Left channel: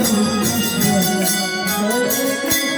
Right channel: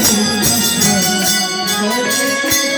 Thank you.